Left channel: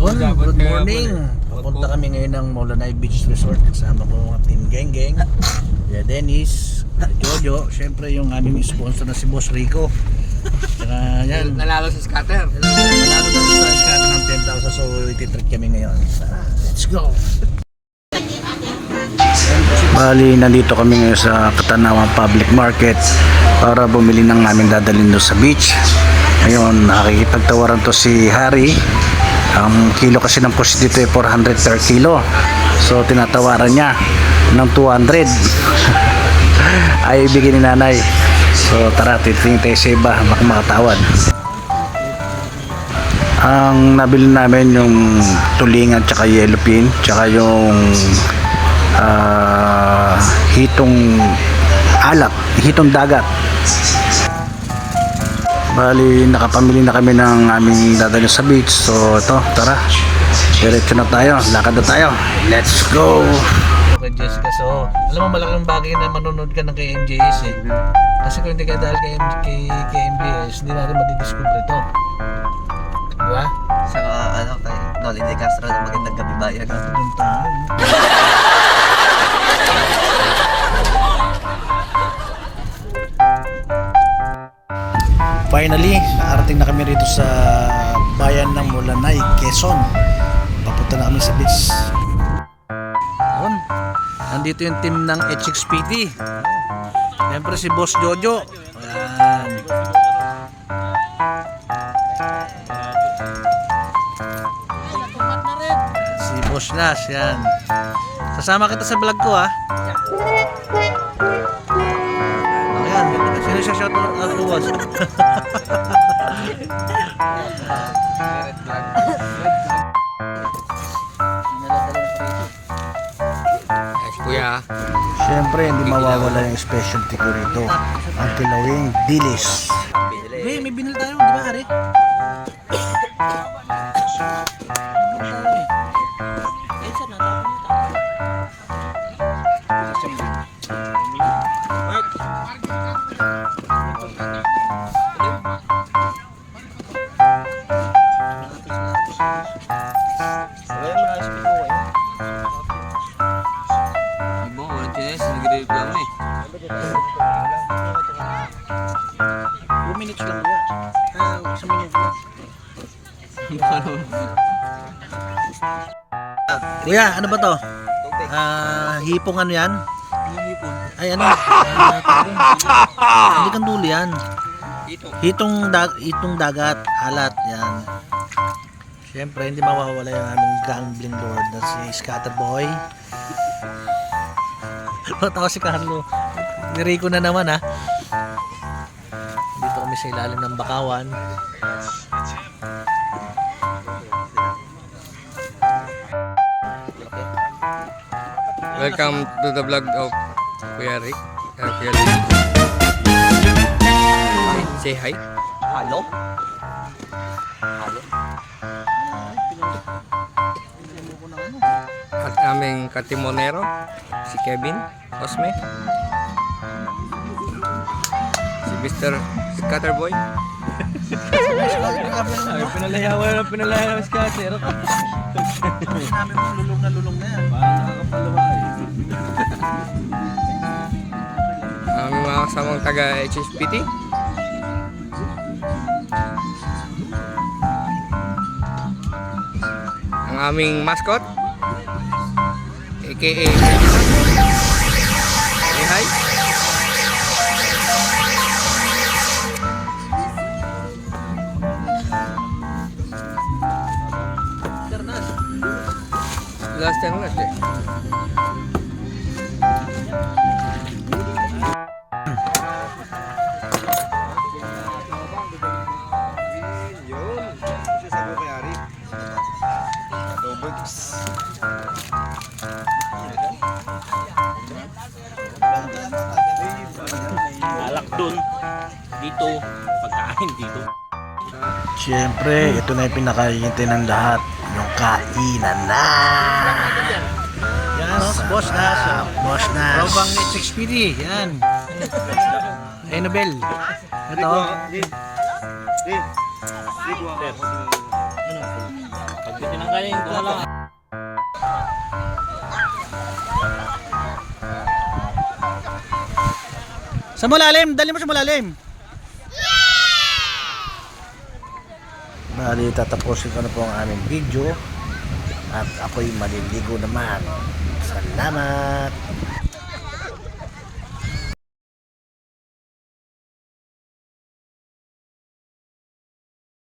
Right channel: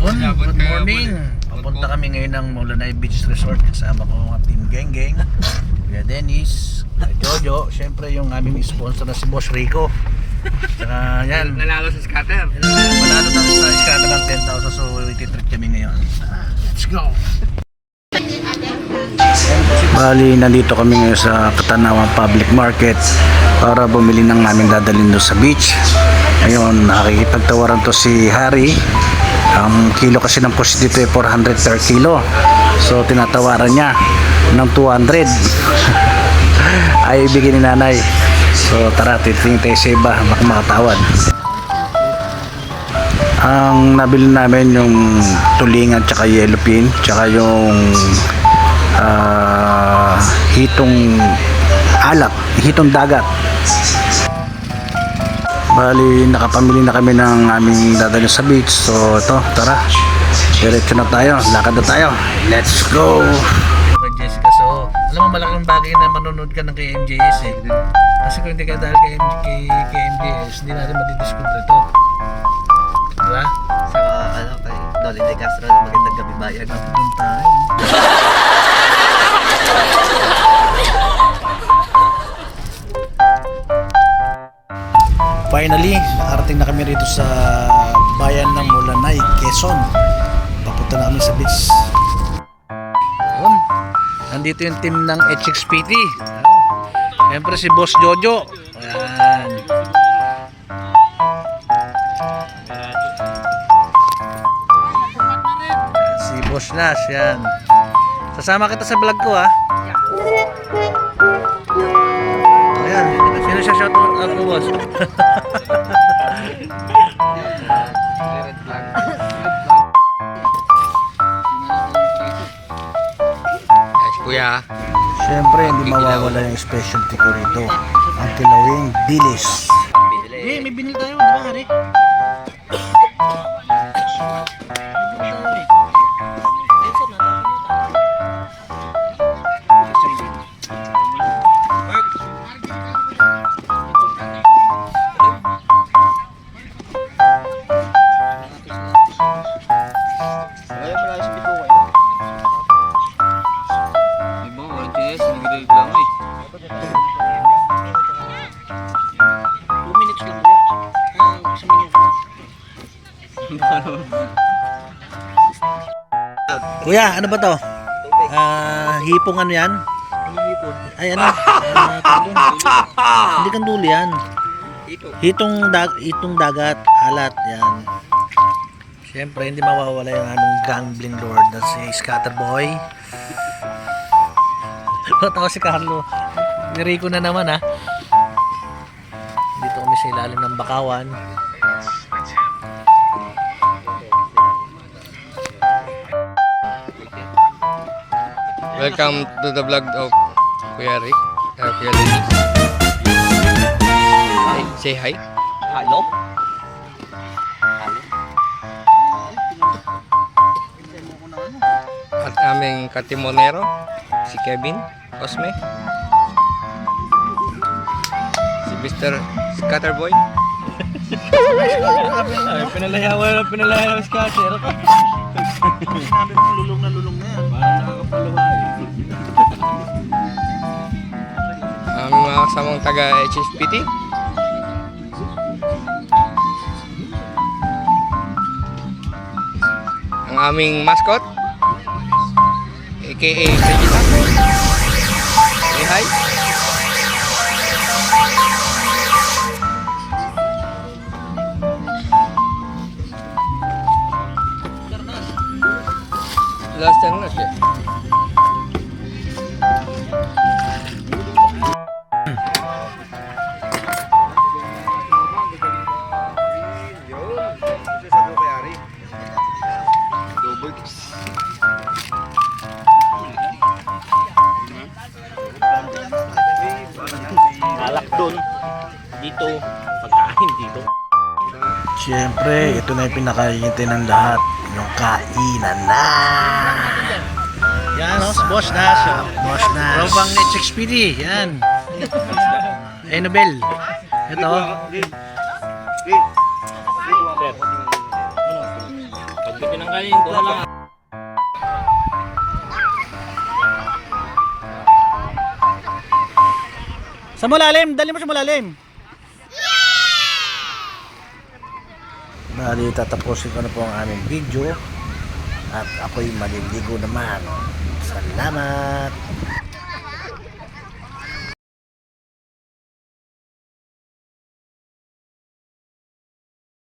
Yun, good morning. Papunta kami ngayon ng Molanay Beach Resort. Kasama ko ang Team Geng Geng. Kuya Dennis, Kuya Jojo. Siyempre yung aming sponsor na si Boss Rico. Saka yan. Nanalo sa scatter. Manalo na sa iskata ng 10,000 so ititreat kami ngayon. Tara, let's go! Bali, nandito kami ngayon sa Katanawan Public Market para bumili ng aming dadalhin doon sa beach. Ngayon, nakikipagtawaran to si Harry. Ang kilo kasi ng push dito ay 400 per kilo. So, tinatawaran niya ng 200. ay ibigay ni nanay. So, tara, titingin tayo sa iba. Baka makatawad. Ang nabili namin yung tulingan tsaka yellow pin tsaka yung ah, hitong alak, hitong dagat. Bali, nakapamili na kami ng aming dadalhin sa beach. So, ito, tara. Diretso na tayo. Lakad na tayo. Let's go! Kay Jessica, so, alam mo malaking bagay na manonood ka ng kay MJS eh. Kasi kung hindi ka dahil kay, kay, kay MJS, hindi natin madidiscover ito. Diba? Sa ano kay Nolly De Castro na magandang gabi bayan. Pupunta. Finally, nakarating na kami rito sa bayan ng Mulanay, Quezon. Papunta na kami sa beach. Yun. Nandito yung team ng HXPT. Siyempre si Boss Jojo. Ayan. Si Boss Nash, yan. Sasama kita sa vlog ko ha. Ayan, sino siya shout out ko boss? Yes, kuya. Siyempre, hindi mawawala yung specialty ko rito. Ang kilawing dilis. Eh, may binil tayo, di ba, Hari? Ibo, 2 minutes lang yan. Ah, isang minuto. Kuya, ano ba to? Ah, hipong ano yan? Ay, ano? Ah. Hindi kang dulo yan. Hitong, dag hitong dagat, alat, yan. Siyempre, hindi mawawala yung aming gambling lord na si Scatterboy. Matawa si Carlo. Niriko na naman ha. Dito kami sa ilalim ng bakawan. Welcome to the vlog of Kuya Rick. Uh, Kuya. Hey, say hi. Halo? At aming katimonero, si Kevin Cosme. Mr. Scatterboy. Pinalayawan, pinalayawan si Kater. Sinabi mo lulong na lulong na yan. Parang nakakapaluwa Aming mga kasamang taga HSPT. Ang aming mascot, aka Last time na siya. alak doon dito pagkain dito Siyempre, ito na yung pinakahihintay ng lahat. Yung kainan na! Yan, oh, boss na. Boss na. Robang Next XPD. Yan. Ay, Nobel. Ito. kanin. Doon lang. Sa malalim, dali mo sa malalim. Bali, tatapusin ko na po ang aming video. At ako'y maliligo naman. Salamat!